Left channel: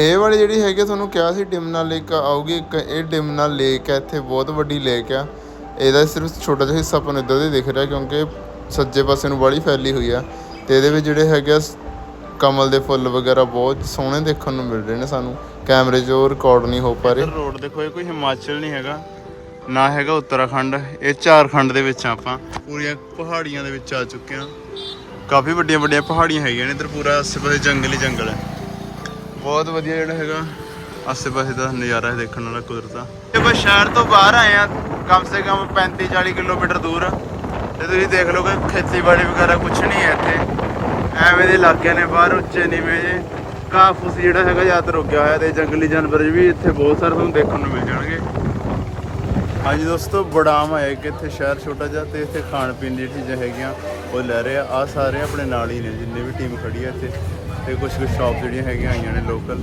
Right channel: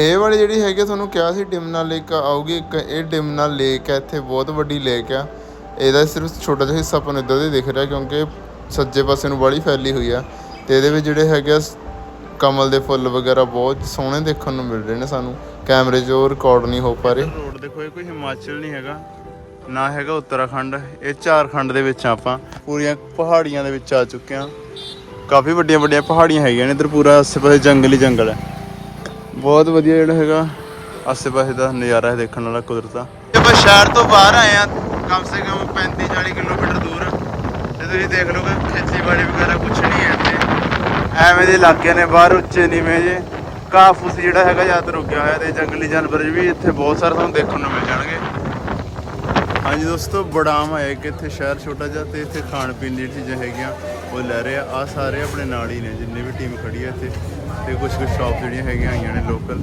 ਇਹ ਵਾਲੀ ਜਿਹੜੀ ਹੈਗੀ ਆ, ਤੁਹਾਨੂੰ ਕਿਹਾ ਸੀ ਡਿਮਨਾ ਲੇਕ ਆਊਗੀ ਇੱਕ ਇਹ ਡਿਮਨਾ ਲੇਕ ਹੈ ਇੱਥੇ ਬਹੁਤ ਵੱਡੀ ਲੇਕ ਆ। ਇਹਦਾ ਸਿਰਫ ਛੋਟਾ ਜਿਹਾ ਹਿੱਸਾ ਆਪਾਂ ਨੂੰ ਇੱਧਰ ਦੇ ਦਿਖ ਰਿਹਾ ਕਿਉਂਕਿ ਸੱਜੇ ਪਾਸੇ ਨੂੰ ਬੜੀ ਫੈਲੀ ਹੋਈ ਆ। ਤੇ ਇਹਦੇ ਵਿੱਚ ਜਿਹੜੇ ਹੈਗੇ ਆ ਕਮਲ ਦੇ ਫੁੱਲ ਵਗੈਰਾ ਬਹੁਤ ਸੋਹਣੇ ਦੇਖਣ ਨੂੰ ਮਿਲ ਰਹੇ ਨੇ ਸਾਨੂੰ। ਕੈਮਰੇ 'ਚ ਉਹ ਰਿਕਾਰਡ ਨਹੀਂ ਹੋ ਪਾ ਰਹੇ। ਰੋਡ ਦੇਖੋ ਇਹ ਕੋਈ ਹਿਮਾਚਲ ਨਹੀਂ ਹੈਗਾ ਨਾ ਹੈਗਾ ਉੱਤਰਾਖੰਡ। ਇਹ ਝਾਰਖੰਡ ਦੇ ਵਿੱਚ ਆਪਾਂ। ਪੂਰੀਆਂ ਪਹਾੜੀਆਂ ਦੇ ਵਿੱਚ ਆ ਚੁੱਕੇ ਆ। ਕਾਫੀ ਵੱਡੀਆਂ ਵੱਡੀਆਂ ਪਹਾੜੀਆਂ ਹੈਗੀਆਂ ਨੇ ਇੱਧਰ ਪੂਰਾ ਆਸੇ-ਪਾਸੇ ਜੰਗਲ ਹੀ ਜੰਗਲ ਹੈ। ਬਹੁਤ ਵਧੀਆ ਜਿਹੜਾ ਹੈਗਾ। ਆਸੇ-ਪਾਸੇ ਦਾ ਨਜ਼ਾਰਾ ਹੈ ਦੇਖਣ ਵਾਲਾ ਕੁਦਰਤ ਦਾ। ਆਪਾਂ ਸ਼ਹਿਰ ਤੋਂ ਬਾਹਰ ਆਏ ਆ ਕਮ ਸੇ ਕਮ 35 40 ਕਿਲੋਮੀਟਰ ਦੂਰ ਤੇ ਤੁਸੀਂ ਦੇਖ ਲਓ ਕਿ ਖੇਤੀਬਾੜੀ ਵਗੈਰਾ ਕੁਝ ਨਹੀਂ ਹੈ ਇੱਥੇ। ਐਵੇਂ ਦੇ ਇਲਾਕੇ ਨੇ ਬਾਹਰ ਉੱਚੇ ਨੀਵੇਂ ਜੇ ਘਾਹ ਫੂਸ ਜਿਹੜਾ ਹੈਗਾ ਜ਼ਿਆਦਾ ਰੁਕਿਆ ਹੋਇਆ ਤੇ ਜੰਗਲੀ ਜਾਨਵਰ ਵੀ ਇੱਥੇ ਬਹੁਤ ਸਾਰੇ ਤੁਹਾਨੂੰ ਦੇਖਣ ਨੂੰ ਮਿਲ ਜਾਣਗੇ। ਹਾਂਜੀ ਦੋਸਤੋ ਬੜਾਮ ਆਇਆ ਕਿ ਇੱਥੇ ਸ਼ਹਿਰ ਛੋਟਾ ਜਿਹਾ ਤੇ ਇੱਥੇ ਖਾਣ ਪੀਣ ਦੀ ਚੀਜ਼ਾਂ ਹੈਗੀਆਂ ਉਹ ਲੈ ਰਹੇ ਆ। ਆ ਸਾਰੇ ਆਪਣੇ ਨਾਲ ਹੀ ਨੇ ਜਿੰਨੇ ਵੀ ਟੀਮ ਖੜੀ ਹੈ ਇੱਥੇ। ਤੇ ਕੁਝ ਕੁਝ ਸ਼ਾਪ ਜਿਹੜੀਆਂ ਹੈਗੀਆਂ ਆਈਆਂ ਨੇ ਲੋਕਲ